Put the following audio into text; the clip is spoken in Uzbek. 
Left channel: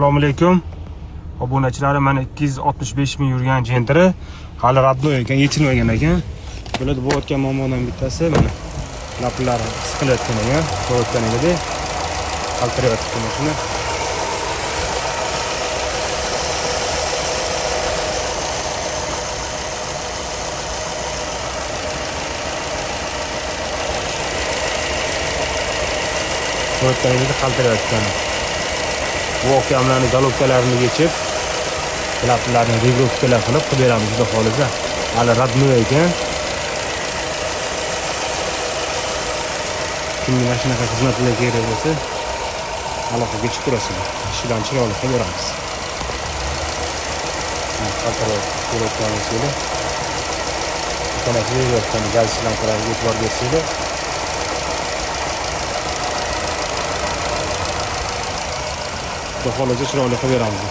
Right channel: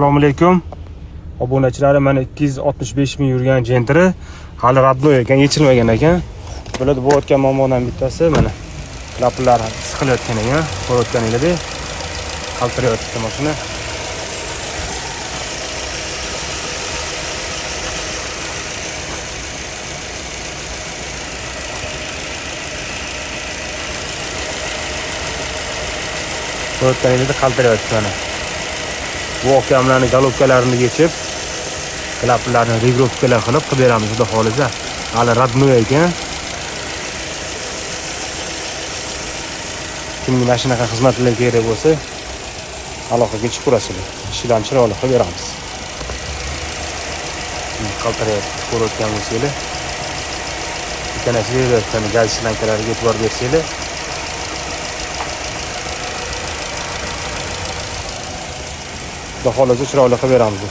Assalomu alaykum. Obunachilarim, mana 265 ming yurgan jentri hali radnoy ekan, yechilmagan ekan. Bularda bu o'tgan muammodan bittasi mana laplari siqilayotgan ekan. Ko'rayotganingizda qaltirayotgan mashina. Ko'rayotganingizda qaltirayotgan. Bu oqyamlarni galobkalarini yechib, klaplarni regrovkalar qilib beramiz xudo xolisa. Hali radnoy ekan. Kimning mashinaga xizmat qilib kerak bo'lsa, aloqaga chiqib turasizlar. Ishidan chiroyli qilib beramiz. Ko'rayotganingizdek, ikkalasiga gaz shlankalariga e'tibor bersanglar, xudo xolisa chiroyli qilib beramiz.